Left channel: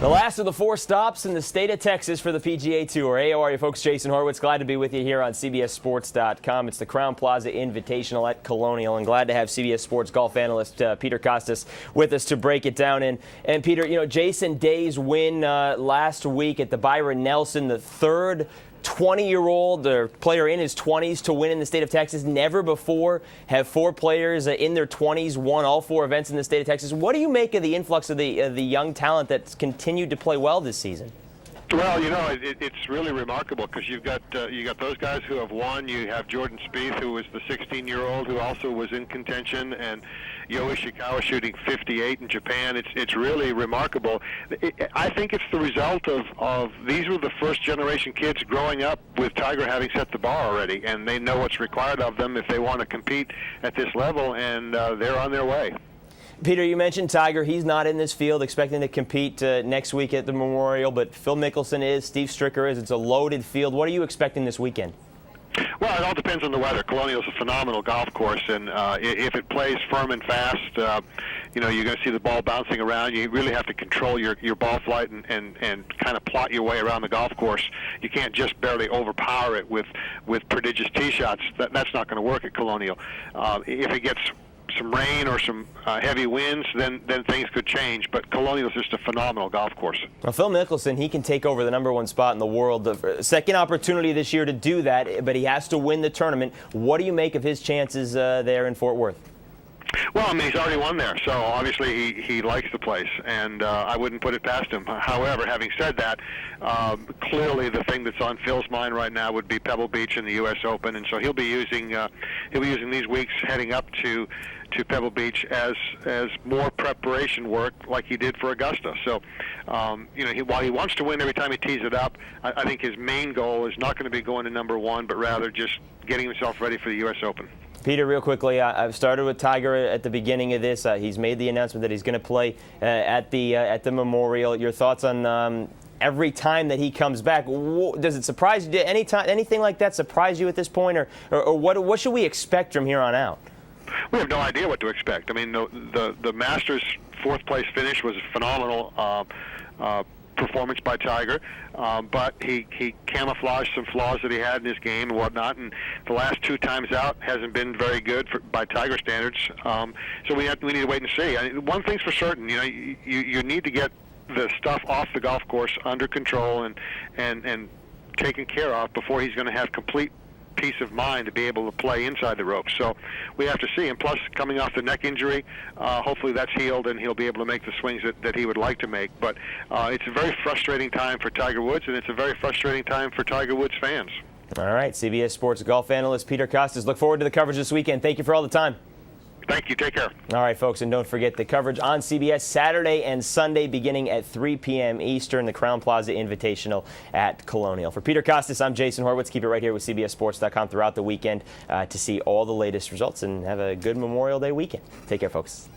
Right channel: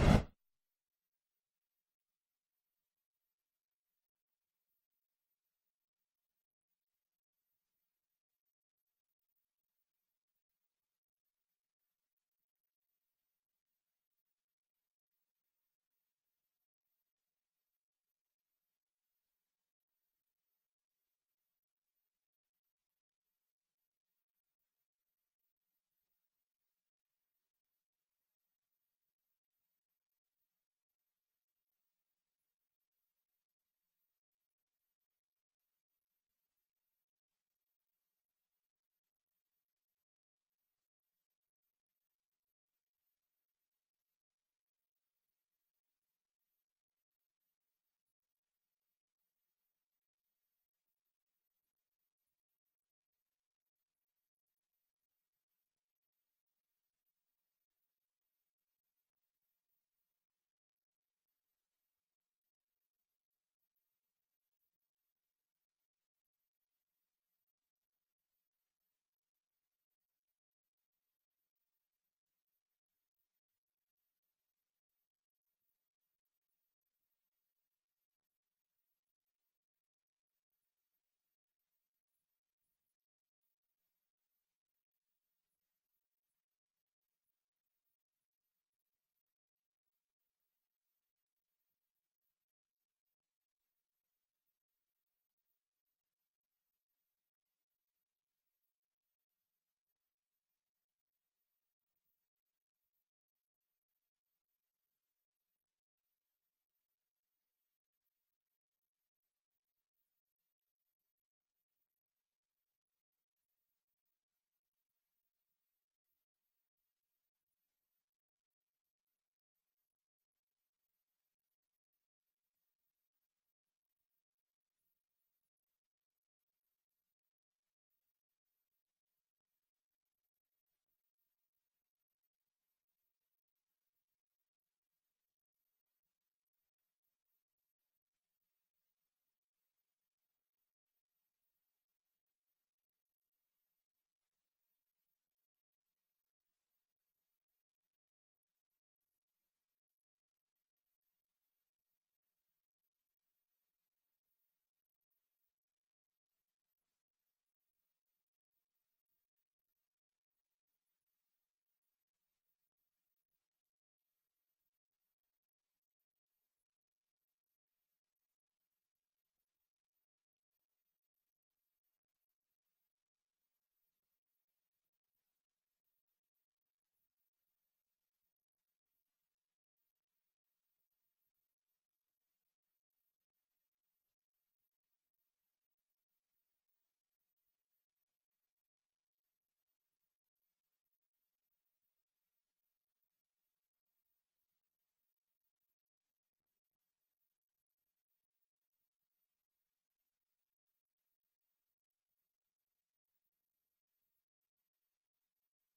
The last of the 4 stops in the state of Texas for the PGA Tour. Hey, how are you folks? Jason Horowitz, glad to be with you here on CBSSports.com. It's the Crowne Plaza Invitational at Colonial, and glad to have CBS Sports golf analyst Peter Kostis with us to break it down. And Peter, you know, Jason Day's win last week at the Byron Nelson, the third 20-year-old player in his 20s to win in the state of Texas. Never before have 4 players in their 20s won all 4 events in the state of Texas. What do you make of the influx of the young talent that's continued to play well this season? Well, you know, it's really remarkable because you got those guys who have won. You have Jordan Spieth, who was the 16-year-old who also was in contention, and Yo Ishikawa shooting 58 in Japan. It's really remarkable. I think it's the result of these were the first generation kids growing up with Tiger having set the bar already, and they know what's required of them if they want to compete at this level, and they're on their way. Peter, you mentioned Tiger. He's not in this field, expecting to compete next week at the Memorial, but Phil Mickelson is, Steve Stricker is. It's a loaded field. What are you expecting this weekend? Well, it all depends on the weather. Colonial is a phenomenal golf course, and if it plays firm and fast, you know, you're going to see the ball bouncing around. You really have to control your ball flight and kind of plot your way around the golf course. You can't just barely overpower it with prodigious tee shots. That's not going to work at Colonial. If it gets some rain or some heavy winds, then things could change. But Colonial is just a phenomenal golf course. Well, Phil Mickelson, he can take over the #1 spot in the world. The second opportunity this year to do that, but he has to win the tournament. What do you make of his chances there in Fort Worth? Well, I mean, he's already won there, so obviously he likes the place, and I wouldn't put it past him. However, having said that, clearly the thing that's on Phil's mind right now would be Pebble Beach in the U.S. Open, and so he'll be using these weeks heading up to Pebble Beach as more preparation work like he did for Augusta. So, you know, while he wants to win every time he tees it up, I think his main goal is not going to be going to #1, but rather just getting himself ready for the U.S. Open. Peter, real quickly, I've started with Tiger at the beginning of this. He's made the announcement that he's going to play at the Memorial. Your thoughts on every time that he comes back? Does it surprise you? Anything like that surprise you at this point, or what should we expect from here on out? We have no idea what to expect. I mean, the Masters 4th place finish was a phenomenal performance by Tiger, but he camouflaged some flaws that he had in his game and whatnot, and the last 2 times out hasn't been very good by Tiger standards. So we need to wait and see. I mean, one thing's for certain, you know, you need to get the stuff off the golf course under control and taken care of before he's going to have complete peace of mind to be able to play inside the ropes. So we have to see. And plus, coming off the neck injury, hopefully that's healed and he'll be able to make the swings that he would like to make. But it's a very frustrating time for Tiger Woods, and it's a very frustrating time for Tiger Woods fans. All right, CBS Sports golf analyst Peter Kostis. Look forward to the coverage this weekend. Thank you for all the time. Thank you. Take care. All right, folks, and don't forget the coverage on CBS Saturday and Sunday beginning at 3 p.m. Eastern, the Crowne Plaza Invitational at Colonial. For Peter Kostis, I'm Jason Horowitz. Keep it right here with CBSSports.com throughout the weekend to see all the latest results and have a good Memorial Day weekend. Take care, folks.